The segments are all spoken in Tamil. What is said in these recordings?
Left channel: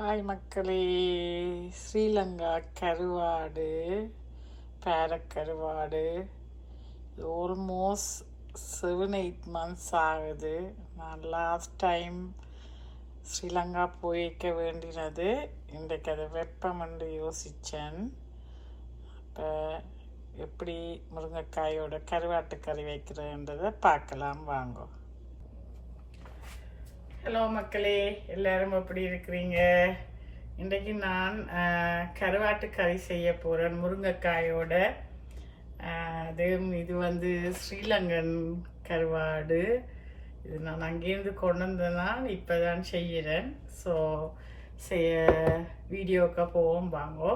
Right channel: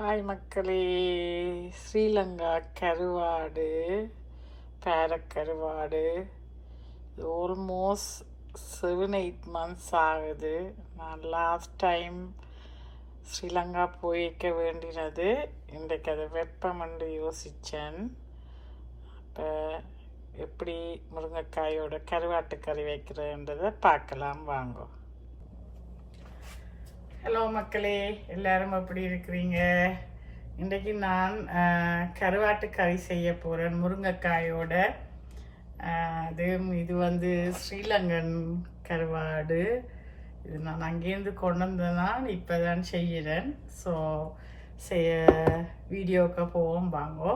ஹாய் மக்களே ஸ்ரீலங்கா கருவாடு பேரக்கருவாடு. ஆல்மோஸ்ட் செவன் எயிட் மந்த்ஸ் ஆகுது. நான் லாஸ்ட் டைம் ஸ்ரீலங்கா போயிருக்க வேண்டினது. இன்றைக்கு அது வெப்பம் என்று யோசித்தேன் அப்போ எப்படி முருங்கைக்காயோட கருவாட்டு கறி வைக்கிறேன்றதை பார்க்கலாம் வாங்கோ. ஹலோ மக்களே. எல்லாரும் எப்படி இருக்கிறீங்க? இன்றைக்கு நான் கருவாட்டு கறி செய்ய போகிறேன் முருங்கைக்காயோட. அது இது வந்து ஸ்ரீலங்கன் கருவாடு. இது நான் அங்கேருந்து கொண்டு வந்ததான் இப்போ தான் செய்கிறேன் ஸோ செய்ய வீடியோக்கு போவோம் வாங்கோ.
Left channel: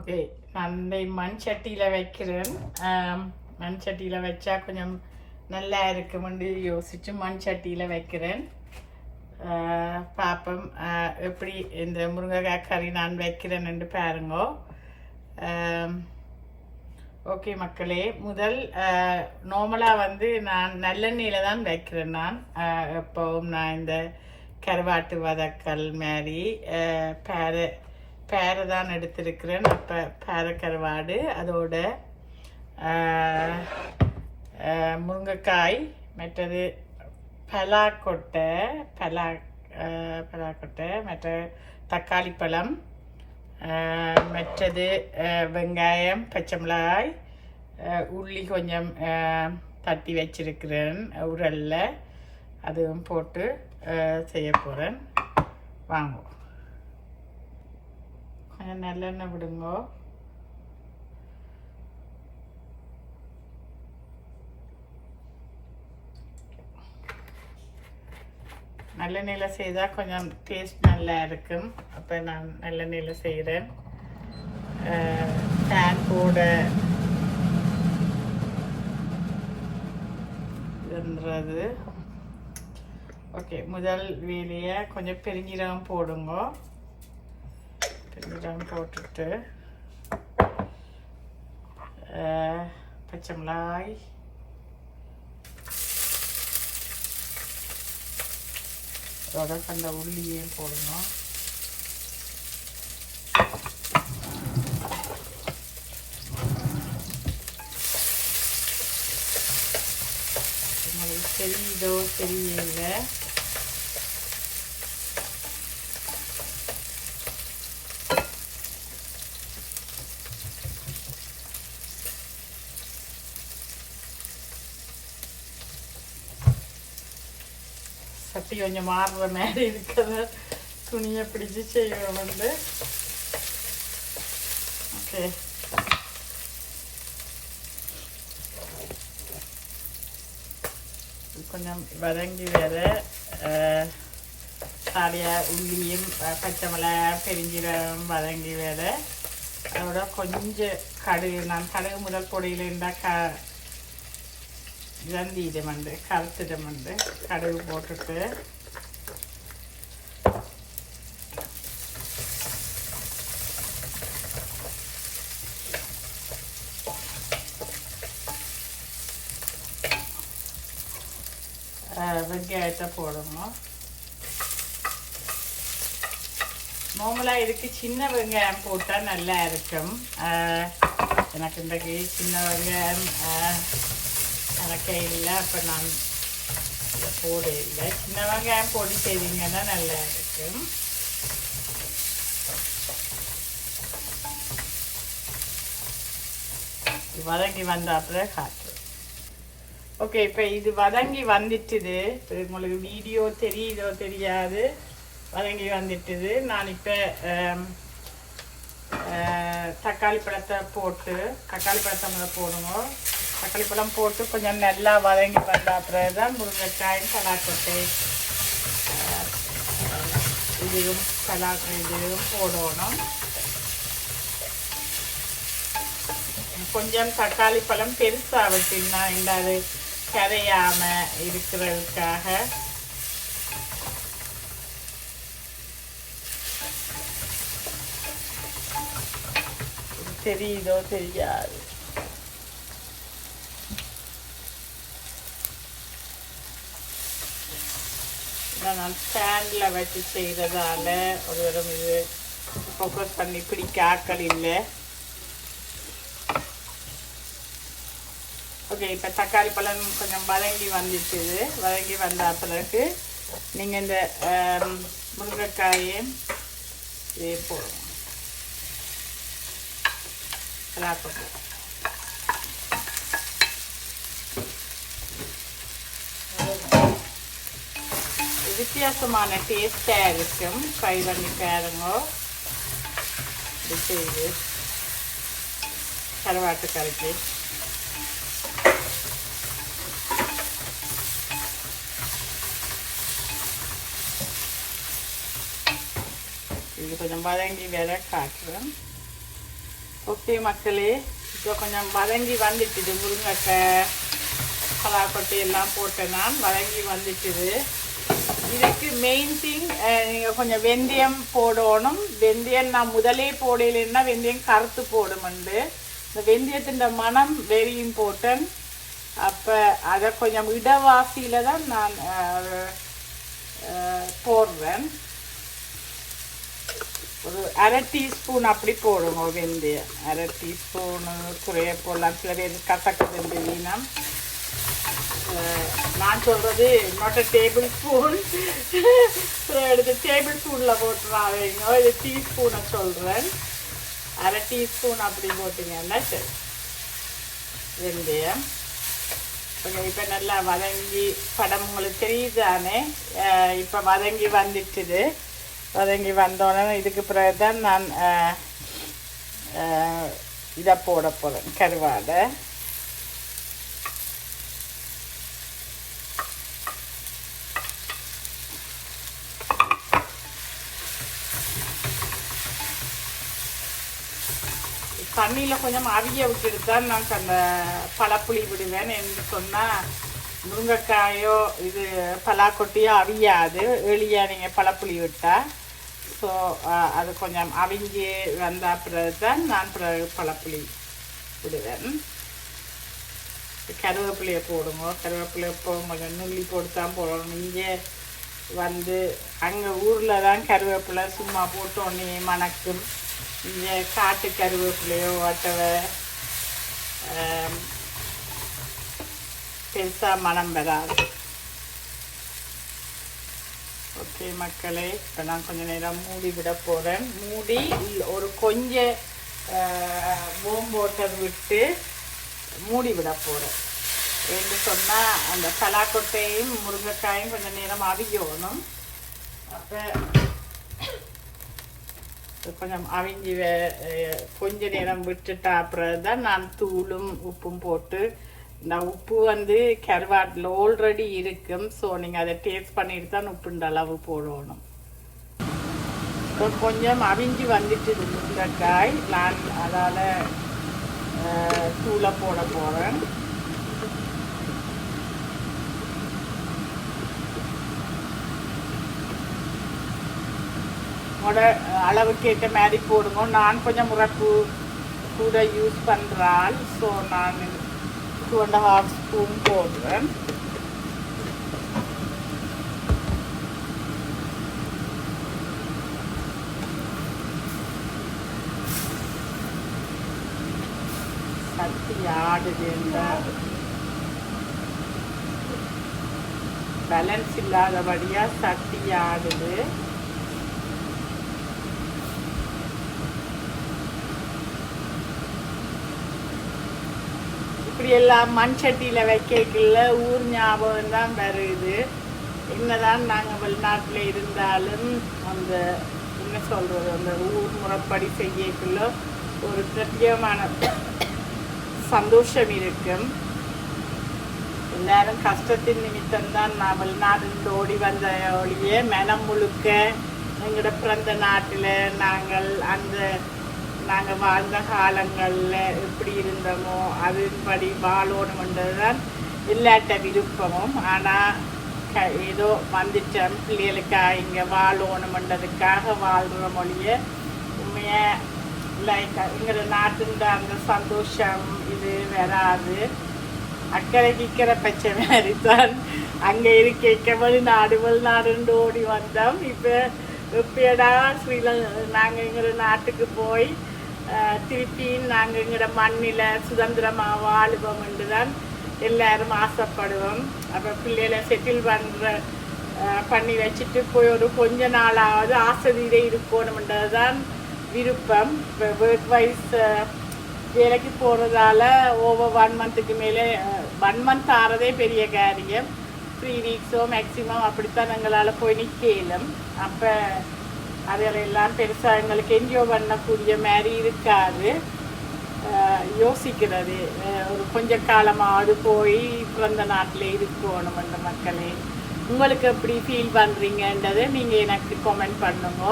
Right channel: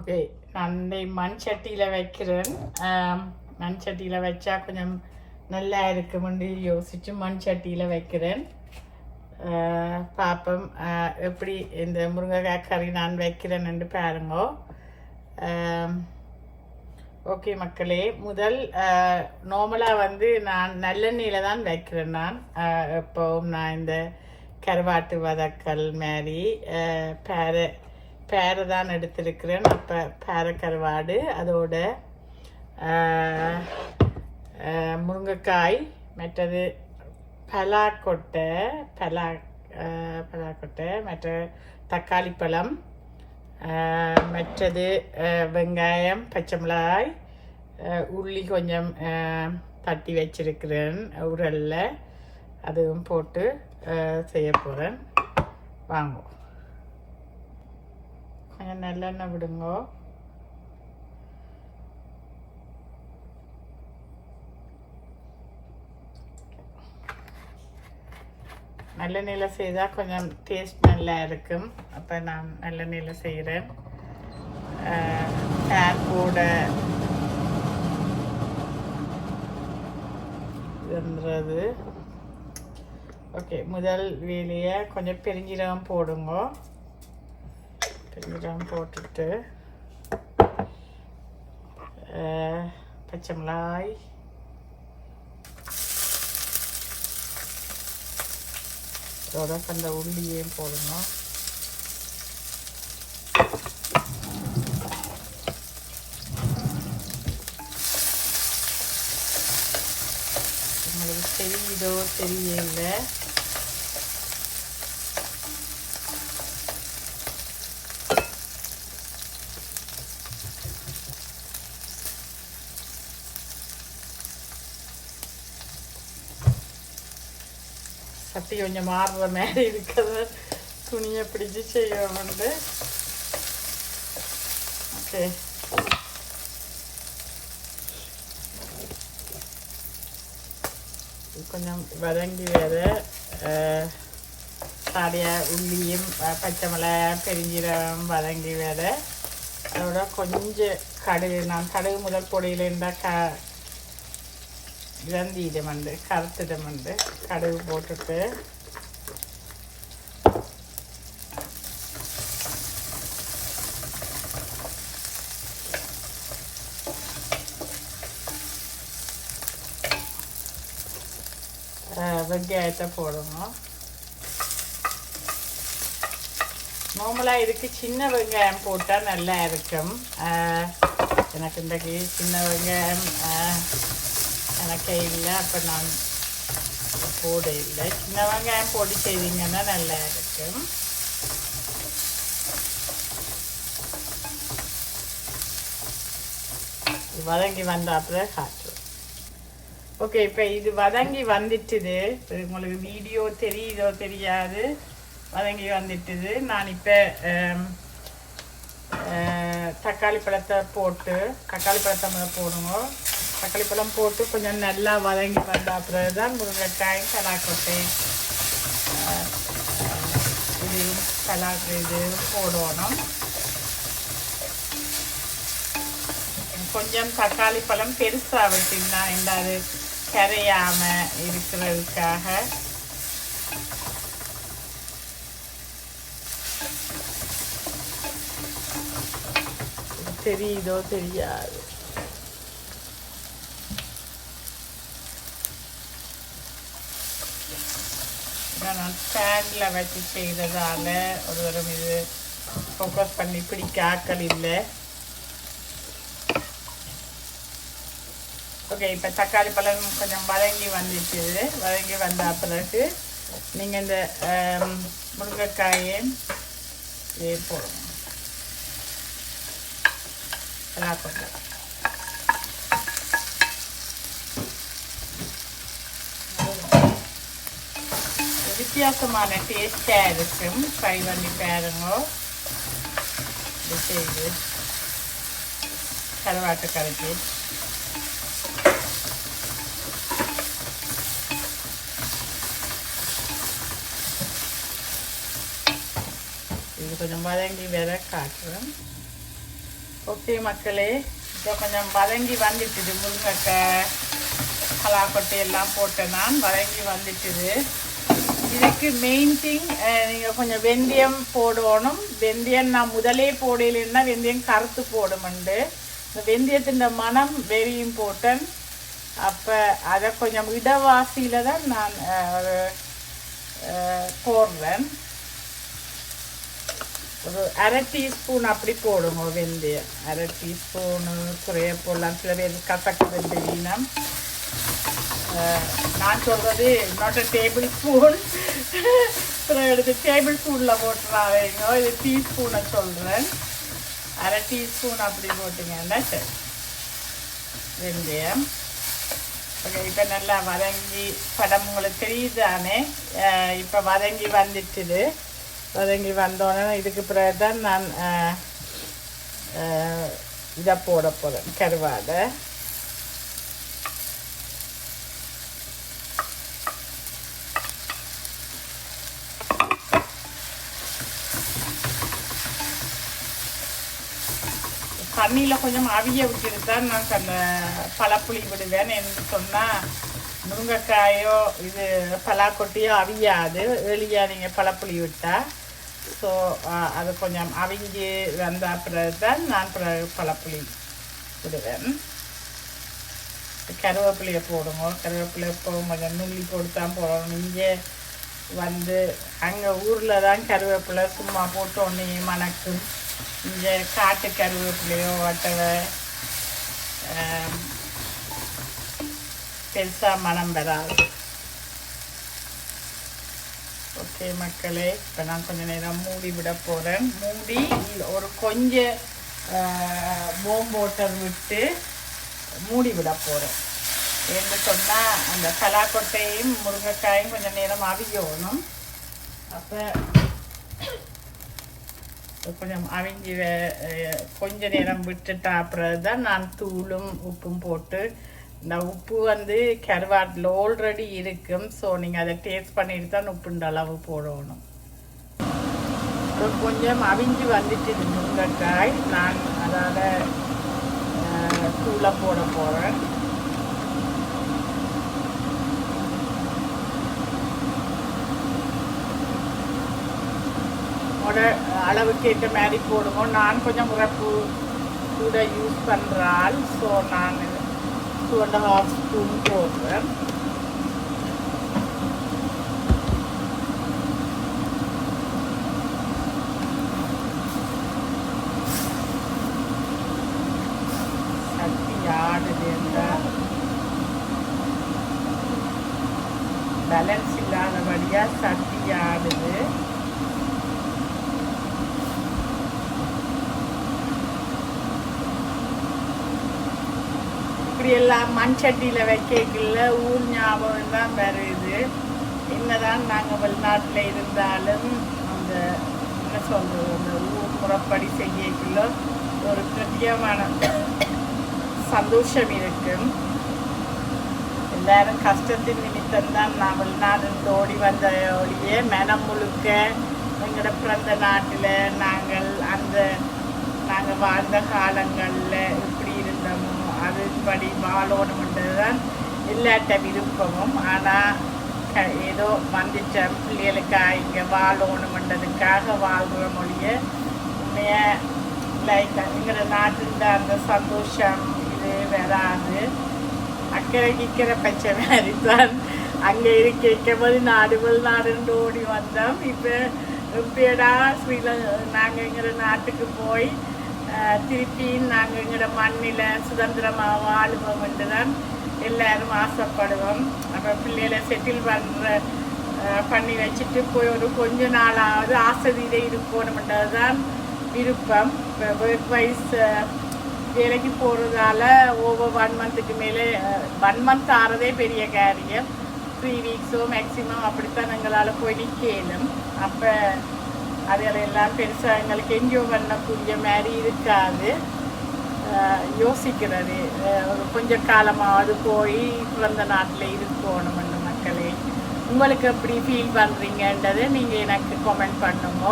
ஓகே நான் மண் சட்டியில் வைக்கிறேன். மண் சட்டியில் வச்சா கொஞ்சம் நல்லா இருக்குமென்று யோசித்து மண் சட்டியில் வைக்கிறேன். பார்ப்போம் எப்படி இந்த முருங்கைக்காய் கறி நான் வைக்கிறேன்னு பாருங்கோ. ஓகே மக்களே முதல் நார்மலாக வந்து நான் நல்லெண்ணெயில் தான் வைக்கிறேன் நான். எப்போவும் நான் இந்த கருவாட்டு வதக்கல் மாதிரி பேரை பேரை தான் எடுத்திருக்கிறேன். அப்போ பேரை கருவாடு அதோட முருங்கைக்காய் மற்றது பலாக்கொட்டை பலா பலாக்கொட்டை மற்ற தக்காளி பழம் மற்றது வெங்காயம் பச்சை மிளகாய் உள்ளி கொஞ்சம் தட்டி வச்சிருக்கிறேன் உரலில் அதுவும் போட்டு செய்ய போகிறேன் வாங்குவோம் கொஞ்சம் நல்லெண்ணெய் விடுங்கோ நல்லெண்ணெயில் செய்தால் கொஞ்சம் டேஸ்ட் நல்லா இருக்கும். அப்போ நான் நல்லெண்ணெயில் செய்கிறேன் பேன் போட ஓகே முதல் வேலையை கொஞ்சம் பெருஞ்சீரகம் போடுங்க. பெருஞ்சீரகம் போட்டுட்டு பச்சை மிளகாய் அதோட அந்த உள்ளியும் போடணும். உங்களுக்கு தெரியுதோ தெரியல. சட்டி கொஞ்சம் மாறுற மாதிரி இருக்கிறத துணியை பிடிச்சி செய்வோம்ண்டு ஓகே. கொஞ்சம் வதங்கி வேற சாடிய உள்ளியும் பச்சை மிளகா பெருஞ்சீரகம் வதங்கி வேற அதோட கொஞ்சம் கடுகு. நான் கடுகு முதல் பொடியில் இருந்தால் க ஜந்தீரம் வந்து கருத்திடம் வந்து கடுகு போட்டுட்டு வெங்காயத்தை போடணும் நார்மலாக இதுக்கு சின்ன வெங்காயம் போட்டால் நல்லா இருக்கும் எனக்கு இன்றைக்கு சின்ன வெங்காயம் எனக்கு இல்லை அப்போ நான் போட இல்லை சின்ன வெங்காயம் போட்டு செய்வீங்கன்னா நல்லா இருக்கும் இது வதங்கி வந்த அப்புறம் ஓகே இப்போ இது வதங்கி வந்துட்டுது. இப்போ உங்களுக்கு வீடியோ தெரியுதோ தெரியாது? வதங்கி வந்துட்டுது. நான் இப்போ தக்காளி பழத்தை போட்டு தக்காளி பழத்தை முதல்ல போடுங்க தக்காளி பழம் போட்டு கொஞ்சம் நல்லா வதங்கி வந்த தான் முருங்கைக்காயும் பலாக்கொட்டை இதையும் அஹ், இதையும் போடணும். கொஞ்சம் தக்காளி பழம் பெருசாக வச்சிங்கன்னா இந்த அது கரையாம இருக்கிறதுக்காக தெரியுதோ தெரியாது. நான் ஸ்டாண்டில் வச்சு செய்கிறதால ஒரு தரம் இது ஃபோக்கஸ் பண்ணி பிடிக்க ஆக்கள் இல்லை ஓகே இப்போ தக்காளி பழம் கொஞ்சம் வதங்கி வந்துட்டு வதங்கி வந்த பிறகு நீங்கள் இந்த um, முருங்கைக்காயும் முருங்கைக்காயை இது போடணும் வித்தியாசமான டேஸ்டாக இருக்கும் ட்ரை பண்ணி பாருங்க இது செய்து கருவாட்டு கரைக்கு இது கொஞ்சம் வதங்கி வேற காட்டுறேன் ஓகே மக்களே இப்போ கொஞ்சம் வதங்கி வந்துட்டுது முருங்கைக்காய் பலாக்கொட்டை எல்லாம் போட்டேன் நான் வதங்கி வந்துட்டுது இதுக்கு மெயின் திங் நீங்கள் கொஞ்சம் வெந்தயம் போடணும். வெந்தயம் நான் முதலே போடலைன்னா வெந்தயம் கருத்து போடுமுண்டு இந்த வெந்தயத்தின் மனம் வெரி இம்பார்ட்டன்ட் அப்போ அதை கொஞ்சம் இடவாசியில் தான் நான் போடுறேன். ஒரு அரை டீஸ்பூன் அப்படி போடுங்க வெந்தயம். அரை டீஸ்பூன் குறைய போடலாம். சில பேர் கசக்கு வெந்தயம் நான் சொல்கிறது நாட் அ டேபிள் ஸ்பூன் எடுத்து டேபிள் ஸ்பூனில் போட்டுறாங்க இது டீஸ்பூனை சொல்கிறேன் அரை டீஸ்பூன் அப்படி போட்டிங்கன்னா சரி. வெந்தயம் கொஞ்சம் இப்போ நல்லா வதங்கி படம் உங்களுக்கு தெரியுதானே இப்போ வதங்கி வந்துட்டுது. வதங்கி வந்தோடனே இதுக்கு பிறகு தான் நான் இதை போட போகிறேன் கருவாடை. தண்ணியில் கொஞ்சம் அவிய விட்டுட்டு தான் நான் அந்த பழப்புளி விடுவேன் என்று சொன்னால் முருங்கைக்காயோ இது பலாக்கொட்டியோ அவியாது. வெளியே நீங்கள் பழப்புளி விட்டால் ஸோ அது கொஞ்சம் அவிஞ்சி வந்த பிறகு தான் நான் பிறகு பழப்புளி விடுவேன். கருவேப்பிலையை போடுங்க. கருவேப்பிலை இப்போ கொஞ்சம் நுள்ளி போட்டு தான் போடணும். இங்கே வந்து அங்கே ஊரில் தான் கருவேப்பிலை சும்மா போட்டு ஒன்று மணக்கும். இந்த காட்டு கருவேப்பிலையோ வட்டவை பெருசாக மனம் பெறாது ஓகே மக்களே இப்போ நான் கொஞ்சம் நேரம் மூடி விட போகிறேன் மூடி ஒரு கொஞ்சம் போம் விட்டு மூடி விட போகிறேன் என்று சொன்னால் அந்த பலாக்கொட்டையும் முருங்கைக்காயும் கொஞ்சம் நேரம் அவியணும். அப்போ கொஞ்சம் அவிஞ்சி வே- கொஞ்ச நேரம் விட்டுட்டா அப்புறம் தான் நான் தூளும் உப்பும் போட்டு நான் உப்பு வந்து கருவாட்டில் ஆல்ரெடி இருக்கும். ஸோ நீங்கள் அதை டேஸ்ட் பண்ணிட்டு தான் உப்புண்ட அளவு போடணும். இப்போ கொஞ்சம் அவிஞ்சு வந்துட்டு இது முருங்கைக்காய். நான் அதால் தூளை போட போகிறேன் உங்களோட அளவுக்கு ஏற்ற மாதிரி போடுவோம் நான் கொஞ்சம் முறப்பு கூட யூஸ் பண்ணுறாள் ஸோ நான் டூ அண்ட் ஹாஃப் ஸ்பூன் போடுறேன். சக்தி பேலன்ஸ் இல்லாதபடியாக சக்தி ஆடுது. இப்படி எல்லாம் மண் சட்டியில் வைக்கல ஊர் ஞாபகம் தான் வருது என்னதான் நாங்கள் வெளிநாட்டில் இருந்தாலும் அந்த என்ன சொல்கிறது அந்த ஊர் முறைப்படி செய்யக்குள்ள ஒரு பிரத்யேகமான சந்தோஷம் இருக்கும். எல்லாரும் கஷ்டத்தின் நிமித்தம் தான் நான் வெளிநாடுன்னு ஓடி வந்த ஒழிய மனம் முழுக்க எங்களோட பிறந்த நாட்டில் நாங்கள் அந்த நாங்கள் வாழ்ந்த காலங்களில் எப்படி இருந்தோமோ அதன்படி வாழணும் தான் இல்லாட்ட விருப்பமும். ஆனால் ஏதோ வந்துச்ச பிள்ளைகளுக்காக இங்கே வாழணுன்றதுக்காக வாழ்கிற மொழிய உண்மையாக லைக் எங்களோட நாட்டின் அந்த சந்தோஷம் இது வராது. அக்கறை விற்கிற பச்சை மாதிரி தான் அங்கே இருக்க வெளிநாடு வெளிநாடுன்னு ஓடி வந்தோம். இப்போ எப்படியடா ஸ்ரீலங்கா நாங்கள் எங்கிற நாட்டுக்கு போய் திருப்பி நாங்கள் எங்கிற மண்ணில் சுதந்திரமாக வாழுவோம் என்று தான் எல்லாரும் ஆசைப்படுவோம். அப்புறம் பிள்ளைகளை செட்டில் பண்ணுற பண்ணி வச்சுட்டு போய் ஒரு கொஞ்ச நாளாவது ஆசதியில இருக்கணும்ன்றது தான் விருப்பம். ஒர்க் வைஸ் வேலைக்கு போகிறதால ஓவர் ஒன் மந்த்துக்கு மேலே ஒன் மந்த் ஆறதே பெரிய காரியம். த்ரீ வீக்ஸோ மேக்ஸிமம் அப்படித்தான் எங்களால் போய் நிற்கலும் அப்போ அதிலெல்லாம் பெருசாக எங்களுக்கு என்ஜாய் பண்ணக்கூடிய மாதிரி இருக்காது. யோசிக்கிறது. ஒரு கொஞ்ச காலமாவது போய் பிறந்த நாட்டில் இருக்கணும் அந்த மக்களே. உங்களுக்கு எப்படி ஃபீல் பண்ணுறீங்கன்றதை நீங்கள் எனக்கு கமெண்ட் பண்ணுங்க.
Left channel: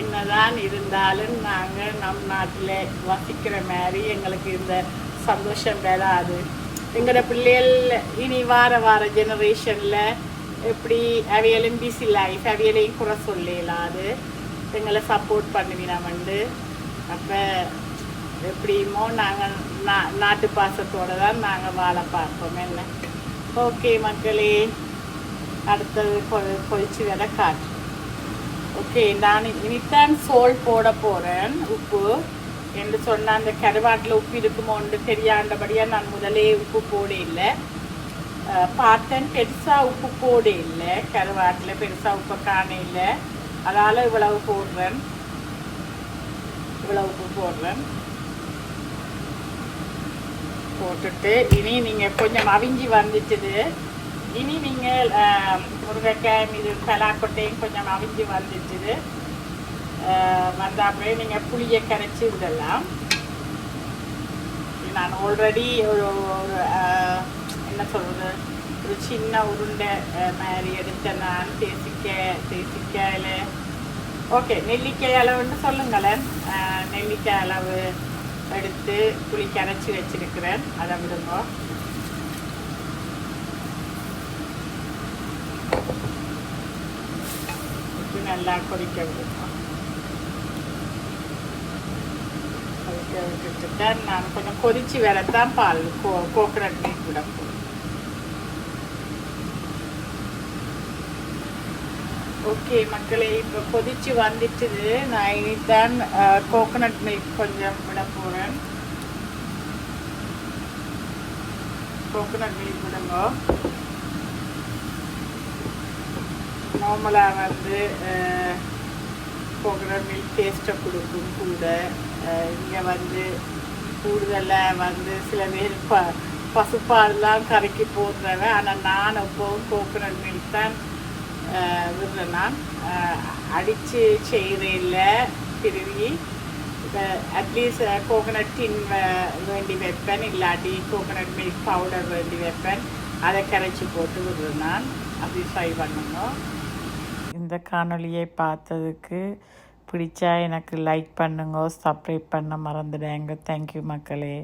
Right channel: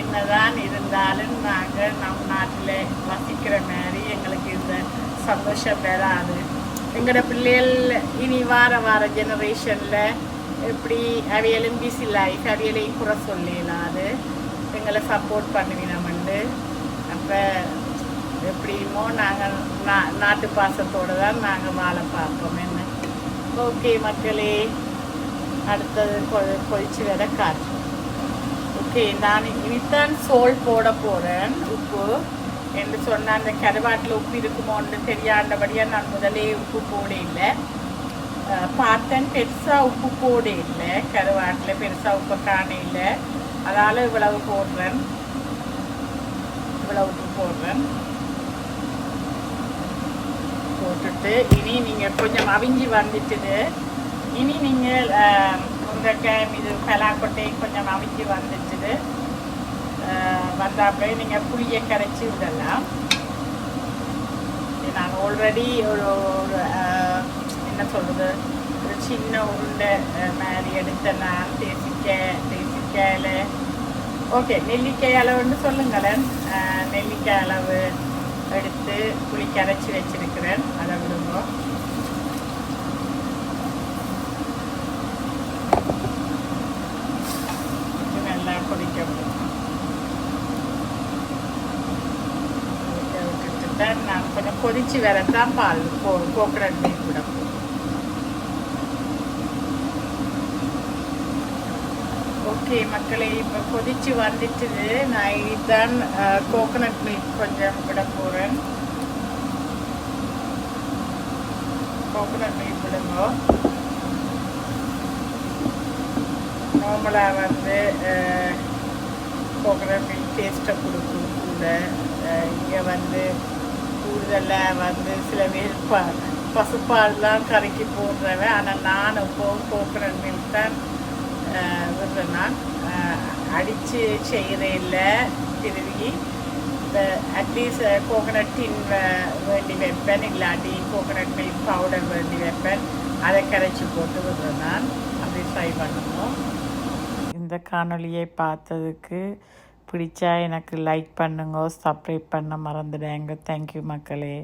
என்னதான் இருந்தாலும் நாங்கள் நம் நாட்டில் வசிக்கிற மாதிரி எங்களுக்கு இந்த சந்தோஷம் வராது. எங்களோட பிள்ளைகள் இனி வார வார ஜெனரேஷனில் எப்படி அவையிலும் பிசி லைஃப் அவையிலையும் குறை அது எங்களை சப்போர்ட் பண்ணுவினோம்ண்டு அப்போ எப்படியுமோ நாங்கள் நா நாட்டு பாசத்தோடு தான் நாங்கள் வாழ பார்ப்போம் என்ன? ஓகே மக்களே. அடுத்தது கொ கொதிச்சு வர காற்று. ஓகே நான் இனித்தான் சோல் போட போகிறேன் உப்பு. என்று சொன்ன அந்த கருவாட்டில் உப்பு இருக்குமோன்னு தெரியாண்டபடியாக நான் முதலே உப்பு போட இல்லை. பார்த்தேன் பெருசாக உப்பு போடு இல்லை கருவாட்டில் பெருசாக உப்பு காண இல்லை அதால் இவ்வளவு போடுறேன் இவ்வளவு உப்பு போடுறேன் போட்டுட்டு இனி நீங்கள் கொஞ்சம் அவிஞ்சி வந்துட்டுது இனி நீங்கள் முருங்கைக்காய் இது பலாக்கொட்டையும் கொஞ்சம் அவிஞ்சி வந்துட்டுது வந்தாப்புல நீங்கள் புளியை கரைச்சி விடலாம் நான் ஆல்ரெடி ஒரு அஹ், என்ன சொல்கிறது ஒரு சின்ன உருண்டை மாதிரி எடுத்த நான் தேசிக்காய் தேசிக்காயில் ஓகே நெல்லிக்காய் அளவுன்னு சொல்லுங்களேன் நெல்லிக்காய் அளவு எடுத்து புளி அரைச்சி வச்சிருக்கிறேன் அதை விடுங்க நல்லா கொதிக்க விடுங்க கொதிக்க விட்டுட்டு நான் கொஞ்சம் கொதிச்சு வரத்தான் பால் கோ கோக்கரட் மீன் விட போகிறேன் ஓகே மக்களே இப்போ கொதிச்சு வந்துச்சுது நான் இதுதான் கோகனட் மில்க் கொஞ்சம் விட போகிறேன் கோகனட் மில்க் விடுங்க. நார்மலாக வந்து கோகனட் மில்க் டேஸ்ட்டை கொடுக்கும் கூட. இங்கே வந்து கூடுதலாக வந்து சில பேர் ப பசுப்பால்லாம் கரைக்கி போடுறவன் ஆனால் நான் எப்போவும் கோகனட் மில்க் தான் விடுறேன் நான் அடித்து செய்கிறேன் திருவி இந்த அட்லீஸ்ட் கோகனட் டின் வேண்டி வைப்பேன். இல்லாட்டி கோகனட் மில்க் பவுடர் வேண்டி வைப்பேன். அதை கரைச்சி போட்டு விடுறேன் நான் அப்படி ஃப்ரை பண்ணணும். இந்த காணொளியை பார்த்ததுக்கு பிடிச்சா எனக்கு லைக் பண்ணுங்க சப்ஸ்கிரைப் பண்ண மறந்துடுங்க. தேங்க்யூ மக்களே.